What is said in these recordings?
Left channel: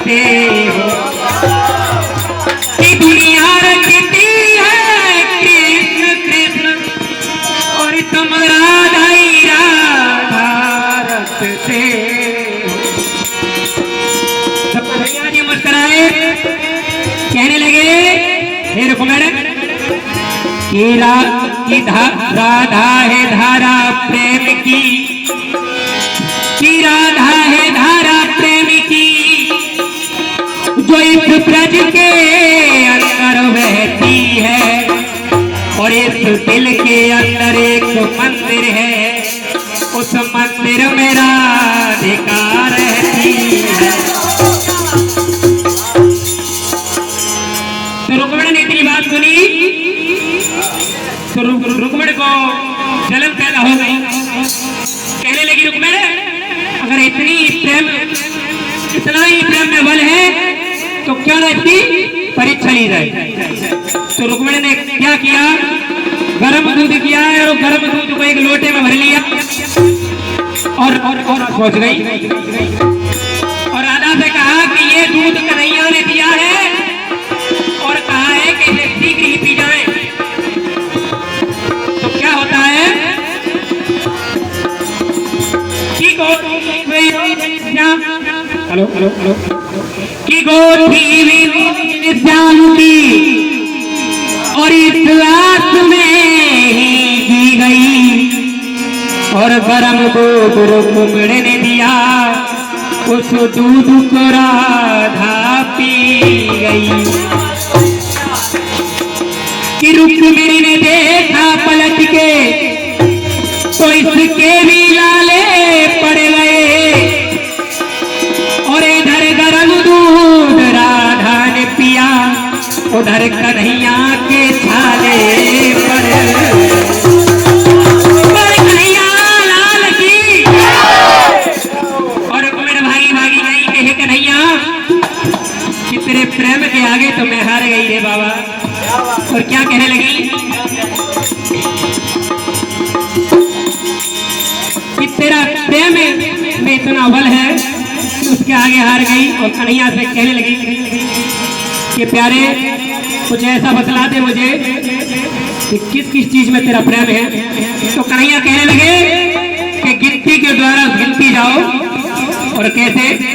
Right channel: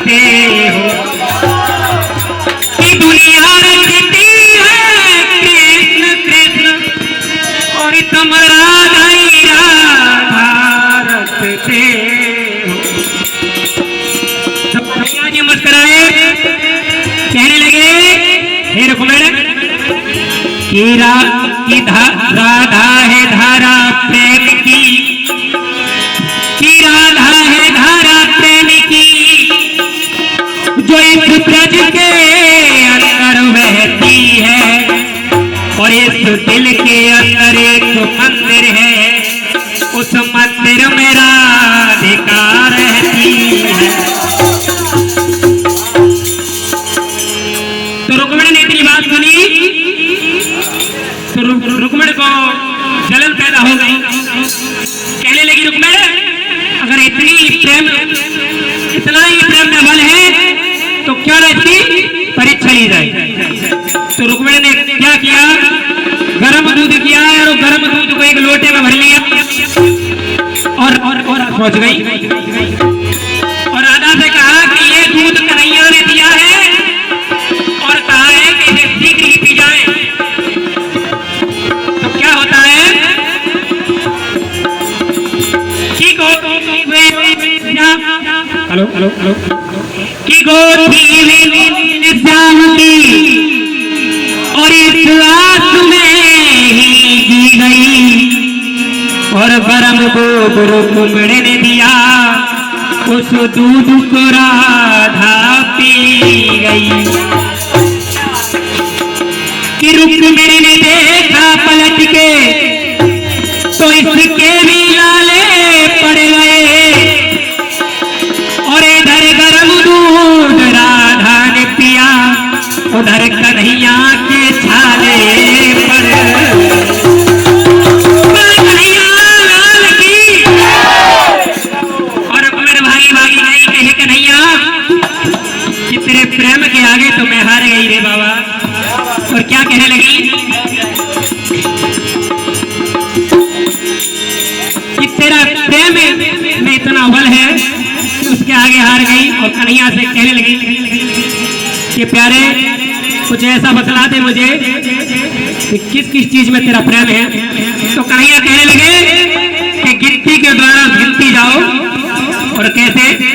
रखते हो कि दुनिया रखती है कृष्ण कृष्ण और तुम राधा रखते हो। सब भैया मुस्कुराए कहने लगे हे रुक्मण कि राधा है धारा प्रेम की, कि राधा है धारा प्रेम की जो इस ब्रज के अंदर बहती है और इस दिल के अंदर एक मंदिर है, उस मंदिर में राधिका रहती है। तो रुक्मणी ने इतनी बात सुनी तो रुक्मणी को जलन पैदा हो गई। कहने लगी रुक्मणी अगर इतना ही प्रेम में बल है तो क्या ना इसकी परीक्षा ली जाए। तो रुक्मणी ने क्या किया, गर्म दूध किया और गर्म दूध को एक लोटे में भर लिया और पहुंच गई और राधा से कहा कि ये दूध कन्हैया ने दिया है और कहा है कि इसे ठीक ही पी जाए। तो क्या होता है कि गोपी श्याम की और इस आस में ही जी गई और गरम दूध रुक्मणी ने दिया, उस दूध को राधा पी गई। कि रुक्मणी ने देखा पलट के तो इसके भी लाले पड़ गए और इधर गरम दूध राधा ने पिया, उधर कन्हैया के छाले पर तेरे प्रेम के आगे तो मैं हार गई रे बाबा। और क्या कहने लगी कि तेरा प्रेम में इतना बल है कि उसके आगे हार गई। और कन्हैया से कहने लगी कि प्यारे कुछ ऐसा बतला दे मुझे कि किस किस चीज में तेरा प्रेम है। तो कन्हैया कहने लगे कि गिनती के द्वारा गिनती जाओ। और कैसे,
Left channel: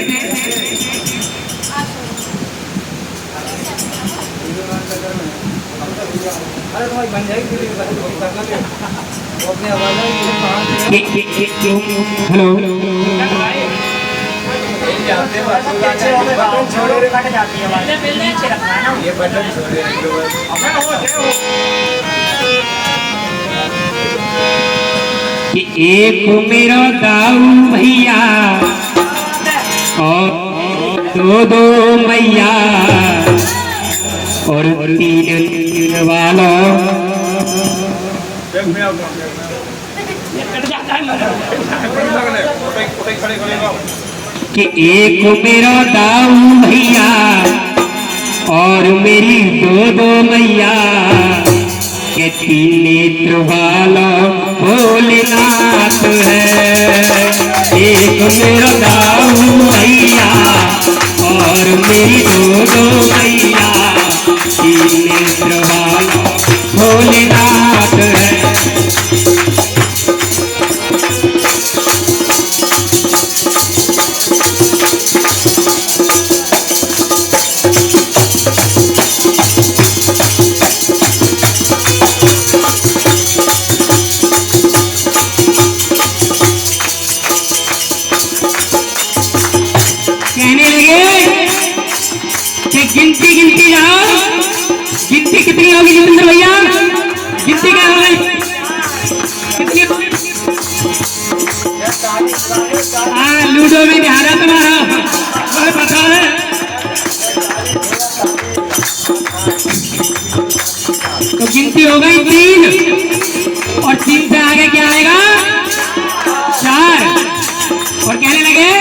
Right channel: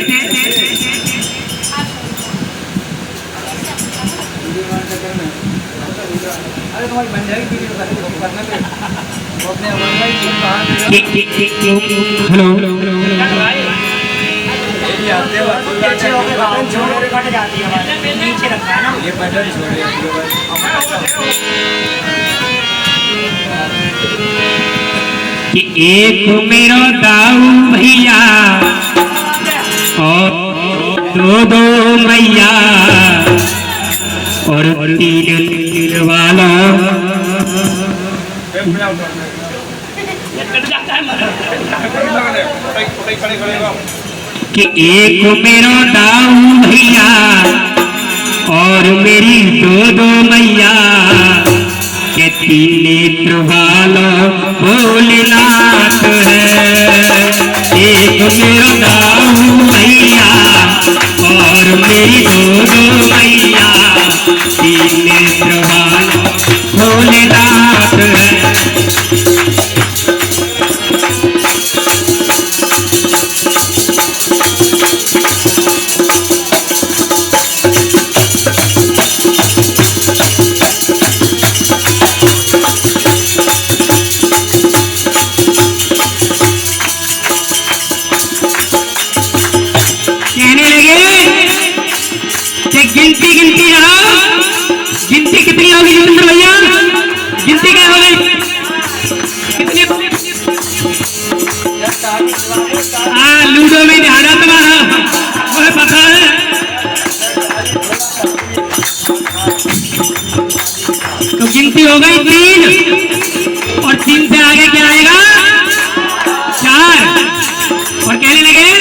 हेलो कि एक मेरा दाऊ भैया और दो मैया और तीन वाला कि एक मेरा दाऊ भैया और मेरी दो मैया के तीन नेत्र वाला भोलेनाथ है। एक मेरा दाऊ भैया और मेरी दो मैया तीन नेत्र वाला भोलेनाथ है। गिनती जाओ, गिनती कितनी होगी जितेंद्र भैया, गिनती क्या होगी कितनी? हाँ लूडो में ध्यान है तुम्हारा, मुझे पता है। तो गिनती हो गई 3 और 3 से आगे क्या आएगा 4। और कहने लगे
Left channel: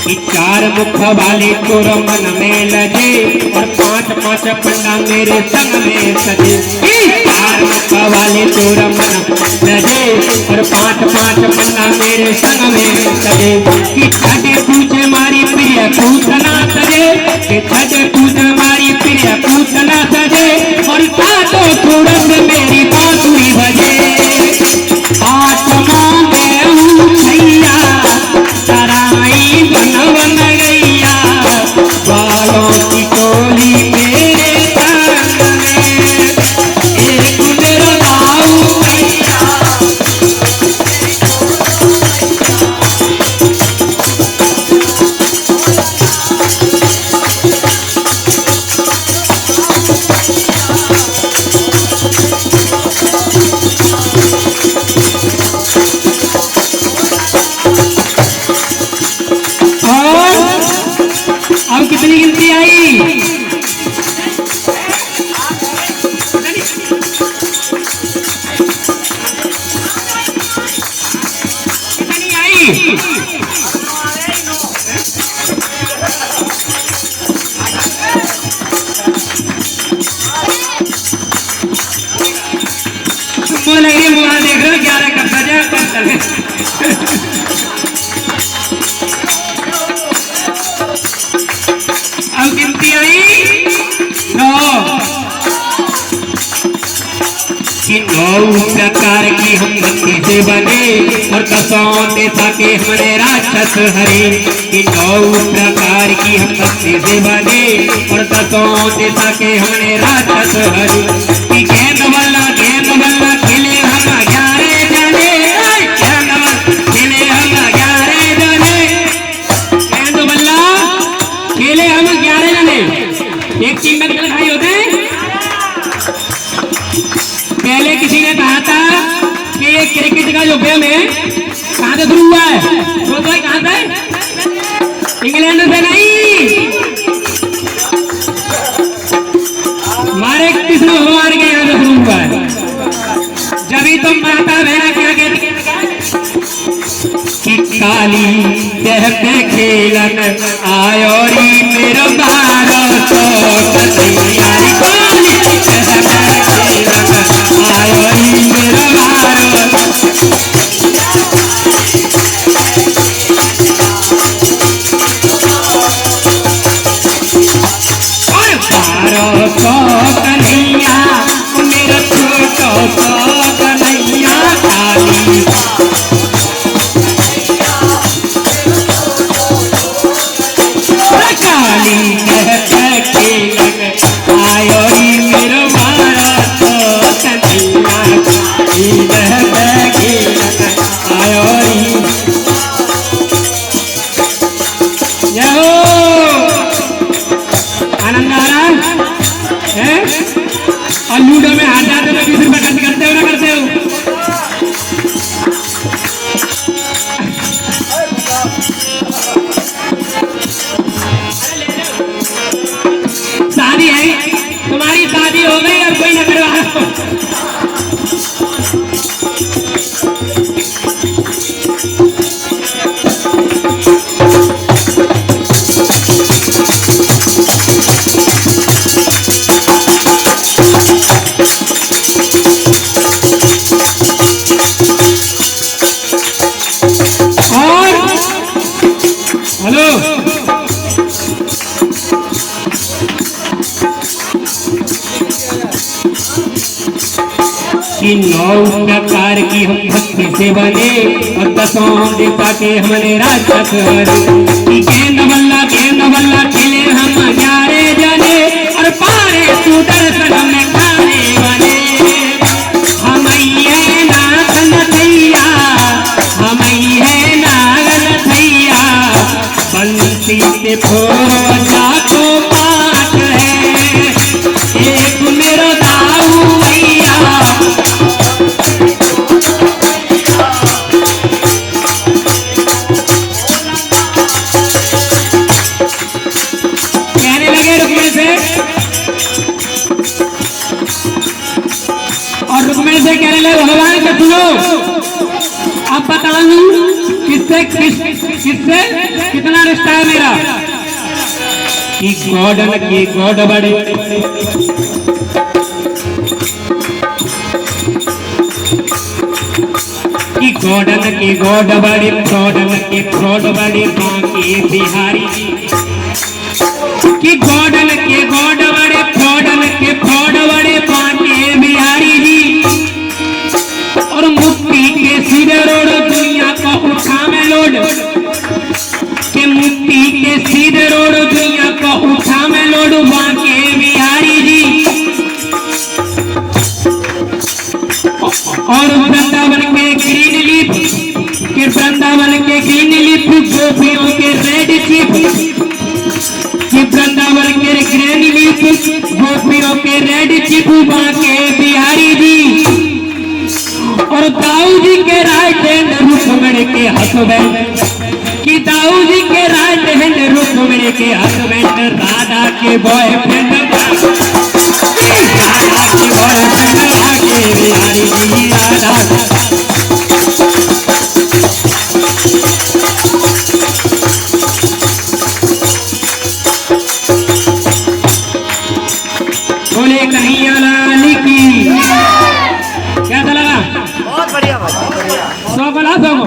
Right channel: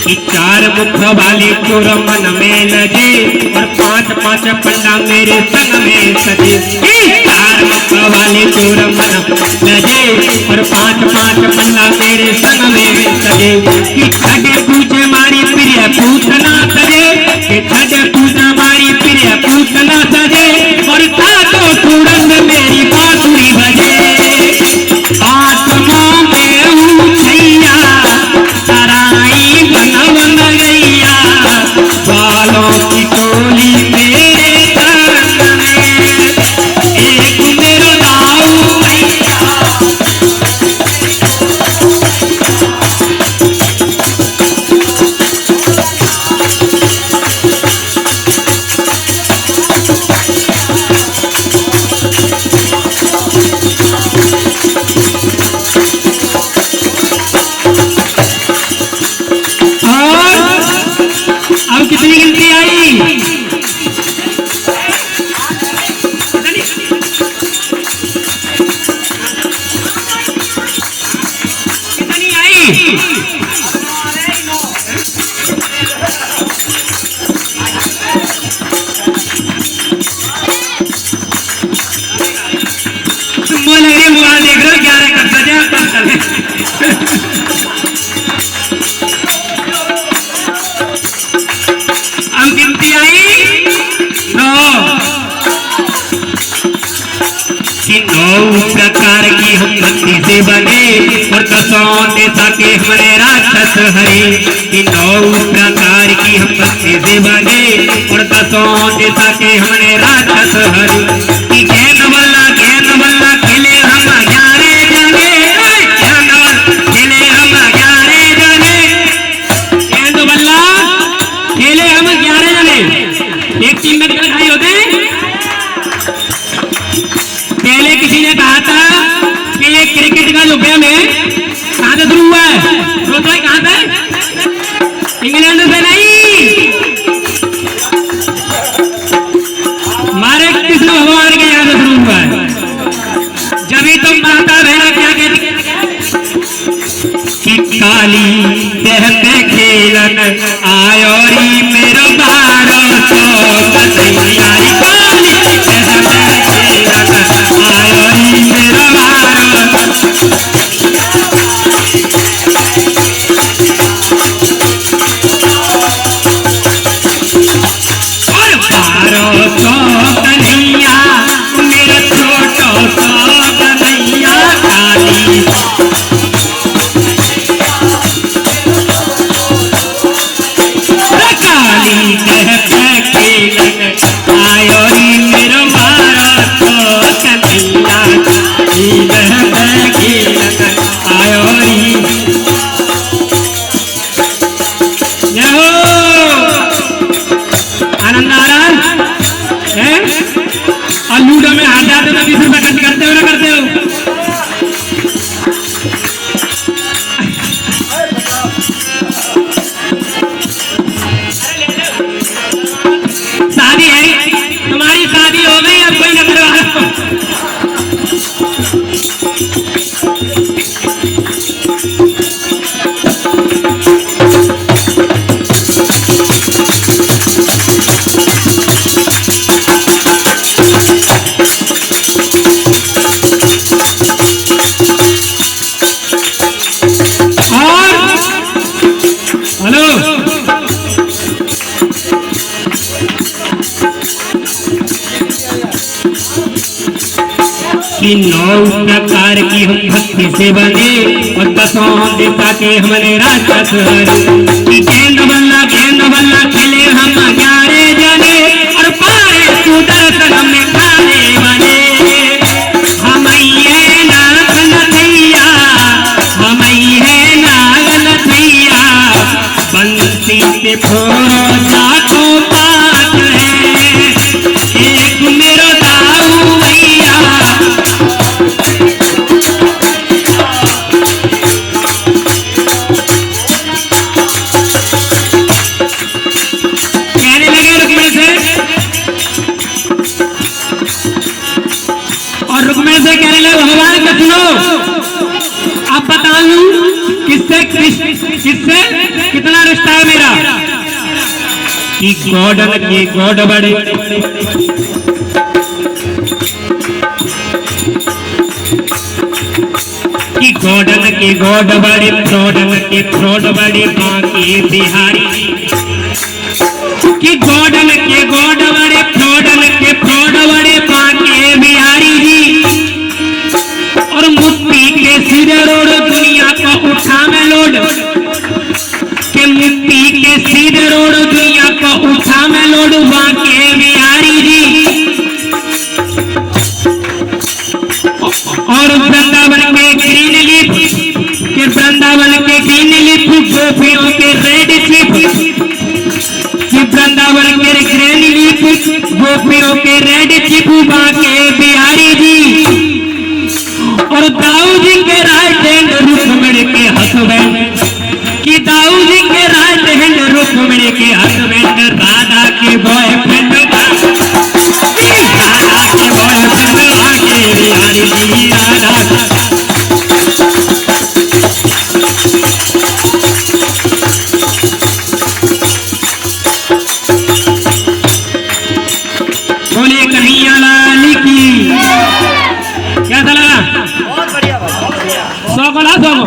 कि 4 मुख वाले चोर मन में लगे और 5 पंडा मेरे संग में सजे। चार मक्का वाले तोरा मन लजे और पांच पांच पन्ना मेरे संग में सजे कि छठे पूछे मारी प्रिय पूतना सजे कि छठे पूछे मारी प्रिय पूतना सजे और सातों तुरंग मेरी बांसुरी बजे आत्मा में उछैया तराई बन बन गैया बालों की टोली मेरे संग में एक मेरो दाऊ भैया अब कितनी गिनती आई? कितनी आई? तुम लग रही मुआ देख रहे हो 11 का बजे अब गिनती आई 9 कि 9 प्रकार की हम भक्ति से बने और 10 दिशा के हमारे राक्षस हरे कि 9 प्रकार की हम भक्ति से बने और 10 दिशा के हमारे राक्षस हरे कि गेंद बल्ला खेले हम 11 जने गेंद बल्ला खेले हम 11 जने गेंद बल्ला खेले हम 11 जने एक टीम में कितने भाई होते हैं? पहले किसी ने कहा था कि ये क्रिकेट का जो गेम है कहां से शुरू हुआ है? रोज भाई कहां से? इंग्लैंड से नहीं, हमारे कृष्ण भगवान के यहाँ से शुरू हुआ है। जब ही तुम माता बहना क्या कहती कि काली देह पे खेलन आयोरी मेरा 1200 यारी काली देह पे खेलन आयोरी मेरा 1200 और 1200 कन्हैया मेरा छोटो सा कन्हैया काली काली कह खेलन आयोरी मेरा 1200 कन्हैया काली कह खेलन आयोरी जय हो आनंद आ रहा है? और लूडो में हार जाते तो 20 रुपए खर्च करते हो ना करते हो? शादी है, तुम्हारी शादी हो गई अब कोई न करवा। हेलो कि 9 प्रकार की हम भक्ति से बने और 10 देवता के हमारे राक्षस हरे कि गेंद बल्ला खेले हम 11 जने और पारे सुदर्शन हमें खाने वाले हमैये नागन थैया बंसी से फोड़ो जातो 5 है एक मेरो दाऊ भैया कहने लगे रुकने से और रुकने से कहने लगे भगवान का सुनो अब बताऊं किससे कितना रिश्ता है मेरा कि गॉड के गॉड बड़े गौडन के गौड बड़े फ्रॉडन के फ्रॉड बड़े बांके बिहारी कि गौडन के गौड बड़े फ्रॉडन के फ्रॉड बड़े बांके बिहारी जी और मुक्ति के सिर रोड दुनिया का उठा में लोड के मुक्ति के सिर रोड दुनिया का उठा में लोड बांके बिहारी जी और वृंदावन के ग्रीन लीफ के वृंदावन के ग्रीन लीफ गोपियों के रेड चिप कि वृंदावन के ग्रीन लीफ गोपियों के रेड चिप बांके बिहारी जी और दाऊ जी के राइट हैंड रुक्मिणी के हस्बैंड कि दाऊ जी के राइट हैंड रुक्मिणी के हस्बैंड राधा के बॉयफ्रेंड राधा के बॉयफ्रेंड आगे बिहारी जी राधा बोले कन्हैया लाल की क्या था लगा? बहुत बढ़िया 100 को ला 100 को